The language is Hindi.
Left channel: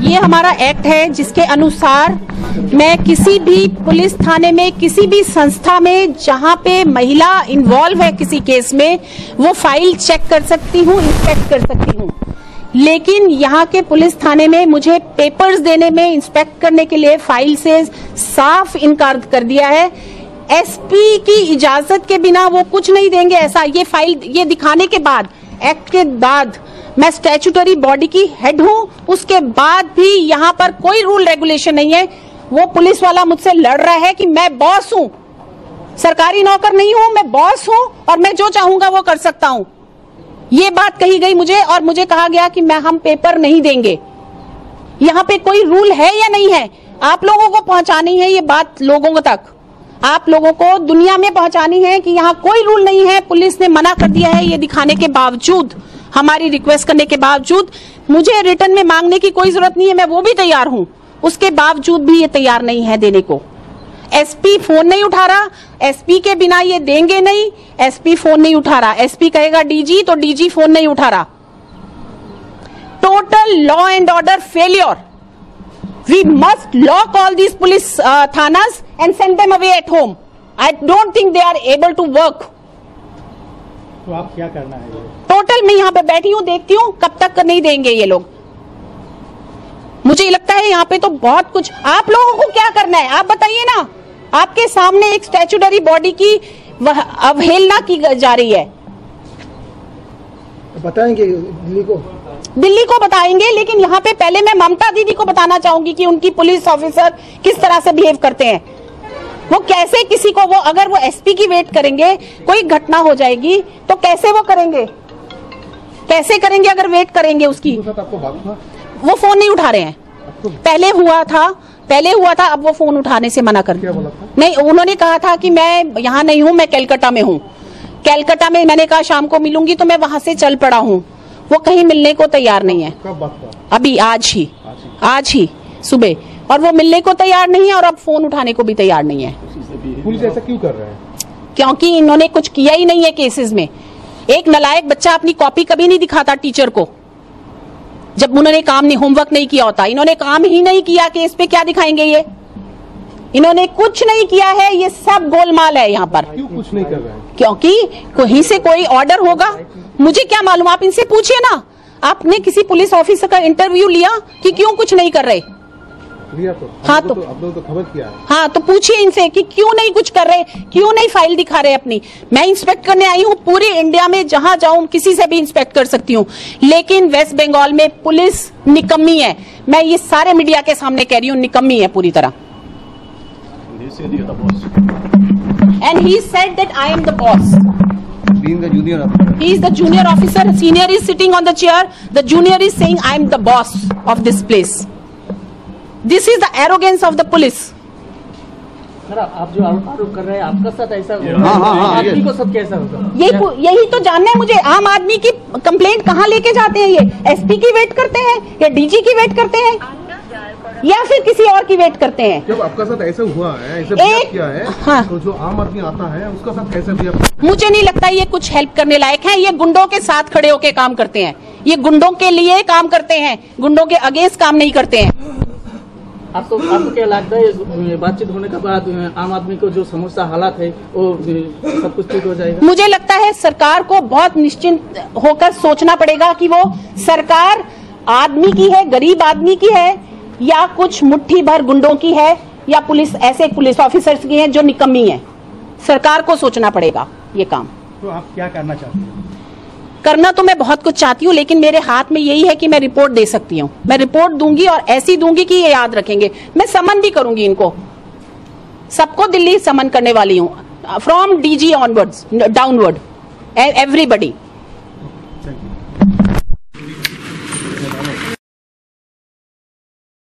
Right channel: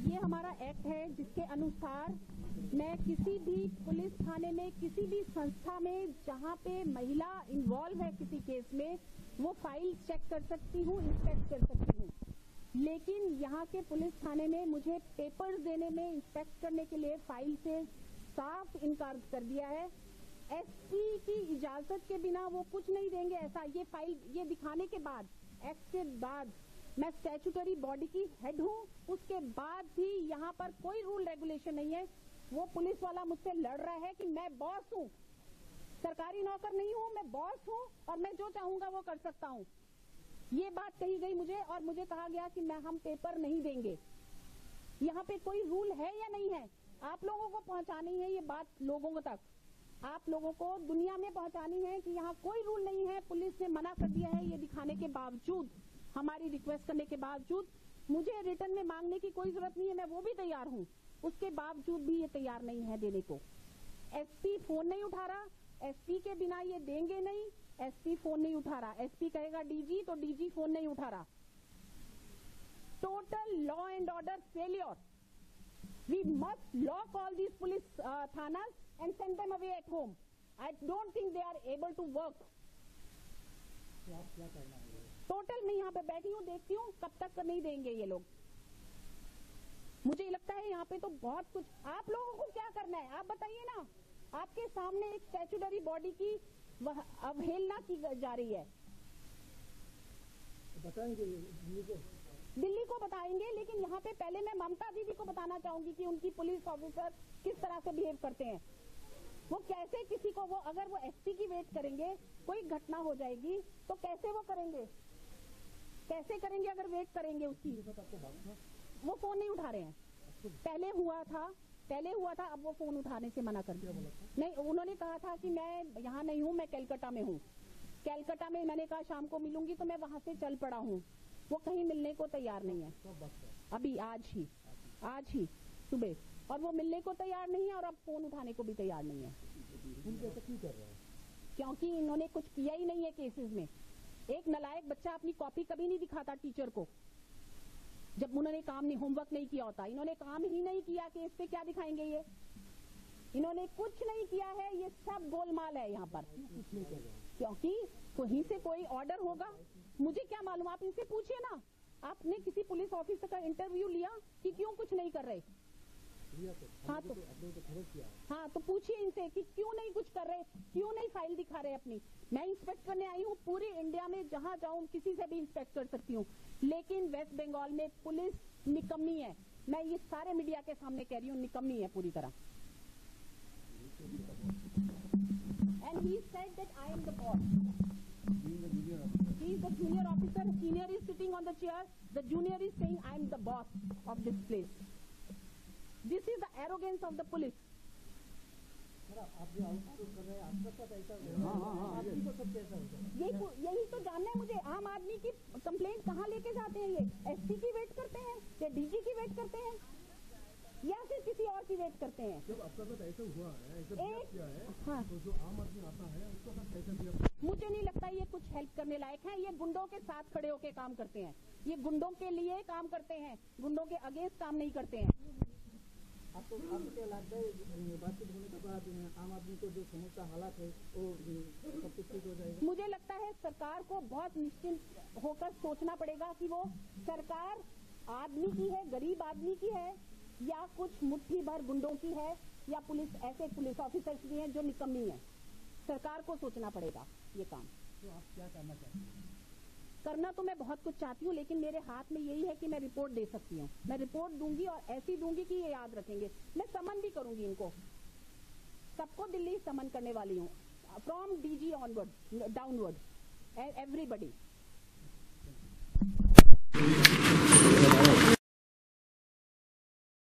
ये हमारा एक्ट है जिसके अनुसार मैं किसी भी पुलिस थाने में, किसी भी संस्था में जहां पे महिला इन्वॉल्व है किसी केस में, वो फाइल चेक कर सकती हूँ, इंस्पेक्ट कर सकती हूँ। लेकिन यहाँ के पुलिस थाने में मुझे पेपर्स देने में, इंस्पेक्ट करने के लिए फाइल से साफ इनकार कर दिया है। एसपी की इजाजत के बिना वो कुछ नहीं देंगे। ऐसा ये फाइल ये दिखाने के बाद, एक्ट के बाद, मैं स्टैट्यूटरी बॉडी की हेड हूं, उसके बाद भी यहाँ पर कोई रूल रेगुलेशन नहीं है। वो पुलिस वाला मुझसे लड़ रहा है कि मैं बॉस हूं, सरकारी नौकर नहीं हूं, मैं बॉस हूं और मैं जो चाहूंगा वो कर सकता हूं। ये बात कही गई मुझे और मुझे कहा गया कि हम पेपर नहीं देंगे। यहाँ पे कोई रूल है या नहीं है? आप लोगों को पहुंचानी है ये बात लोगों तक, आप लोगों को दुनिया में पहुंचानी है कि यहाँ कोई रूल नहीं है। पुलिस ने मना कर दिया है ये दिखाने के बावजूद, हमारी रिक्वेस्ट करने के बावजूद। मुझे रिटर्न में मांगने की कोई जरूरत नहीं है, मैं वो भी तैयार हूँ, उसके बावजूद भी ये तैयार नहीं है देने को। एसपी फोन नहीं उठा रहा, एसपी के बिना ये देंगे नहीं। एसपी फोन नहीं उठा रहा, एसपी कहेगा डीजी तो डीजी फोन नहीं उठा रहा। Total law and order failure. We must lock all these police thanas and send them away at home. I don't think they are able to work. तो आप क्या करना है? टोटल मैं यहाँ पे बैठी हूँ, देखती हूँ कब तक नहीं देंगे ये लोग। मुझे लगता है यहाँ पे तो बहुत कुछ, आप लोगों को क्या करना है आप बताइए ना। आपके सामने एक स्टैट्यूटरी बॉडी की अवहेलना की जा रही है। बताएंगे दिल्ली को बताएंगे, लेकिन यहाँ पे पहले मैं ममता दीदी को बताना चाहूंगी कि उनकी पुलिस ऑफिसर किस तरह से बिहेव करते हैं। वो कैसे किसी को, वो अगर वो एसपी की वेट करेंगे, कोई घटना हो जाएगी तो कैसे वो करेंगे, कैसे करेंगे अगर वेट करेंगे उसकी। वो फोन नहीं उठा रहे हैं। पहले हुआ था, अब वो फोन उठाने से मना कर नहीं। उन्होंने कहा था कि मैं यहाँ नहीं हूँ, मैं कैलकाटा में हूँ। कैलकाटा में मैंने कहा शाम को मिलूंगी तो मैं वहां से चल पड़ा हूँ। वो कहीं मिलने को तैयार नहीं है। कब बात हुआ? अभी आज ही सुबह। और वो मिलने को तैयार नहीं है और अब फोन उठाने को भी तैयार नहीं है। पुलिस ऐसा क्यों कर रहा है? क्योंकि इन्होंने कुछ किया ही नहीं है केसेस में। एक नालायक बच्चा अपनी कॉपी कभी नहीं दिखाता टीचर को, जब उन्होंने होमवर्क नहीं किया होता। इन्होंने काम ही नहीं किया, केस पे क्या दिखाएंगे ये? इन्होंने कुछ नहीं किया है, ये सब गोलमाल है यहाँ पर। क्यों कुछ नहीं कर रहा है? क्योंकि कहीं से कोई ऑर्डर होगा, मुझे क्या मालूम, आप इनसे पूछिए ना। आपने किसी पुलिस ऑफिसर का इंटरव्यू लिया कि क्यों कुछ नहीं कर रहे? लिया तो। हाँ तो आप लोग तो खबर किया है। हाँ तो पूछिए इनसे कि क्यों नहीं कुछ कर रहे, क्यों नहीं फाइल दिखा रहे अपनी। मैं इंस्पेक्ट करने आई हूँ, पूरी इंडिया में जहां जाऊं किसी से भी इंस्पेक्ट कर सकती हूँ, लेकिन वेस्ट बंगाल में पुलिस निकम्मी है। मैं ये सारे मीडिया के सामने कह रही हूँ, निकम्मी है पूरी तरह। And he said that I am the boss. Being the junior officer. He is the junior officer. Senior is sitting on the chair. The junior is saying I am the boss of this place. This is the arrogance of the police. Sir आप जो आरोप कर रहे हैं आपका साथ ऐसा होगा, आदमी को सब कैसा होगा? यही तो जानना है मुझे। आम आदमी की कंप्लेंट कहाँ लेके जाते हैं ये? एसपी की वेट करते हैं या डीजी की वेट करते हैं या फिर किसी और की वेट करते हैं? जब आपका साथ ऐसा हुआ है, ऐसे किया है, हाँ, तो जो आम आदमी आता है उसका साथ कैसे भी? मुझे नहीं लगता ये कुछ हेल्प करने लायक है। ये गुंडों के साथ खड़े होके काम करते हैं, ये गुंडों के लिए काम करते हैं, गुंडों के अगेंस्ट काम नहीं करते हैं। आपको क्या लगता है बातचीत होने के बाद आम आदमी को जो समस्या हालात है वो सब कुछ ठीक हो जाएगा? मुझे लगता है सरकार को बहुत निश्चिंत होकर सोचना पड़ेगा कि वो सरकार आदमी की है, गरीब आदमी की है, या कुछ मुट्ठी भर गुंडों की है, या पुलिस ऐसे पुलिस ऑफिसर्स की हैं जो निकम्मी है। सरकार को सोचना पड़ेगा ये काम। तो आप क्या करना चाहते हैं? करना तो मैं बहुत कुछ चाहती हूँ, लेकिन मेरे हाथ में यही है कि मैं रिपोर्ट दे सकती हूँ। मैं रिपोर्ट दूंगी और ऐसी दूंगी कि ये याद रखेंगे। मैं समन भी करूंगी इनको, सबको दिल्ली समन करने वाली हूँ, from DG onwards downward, everybody.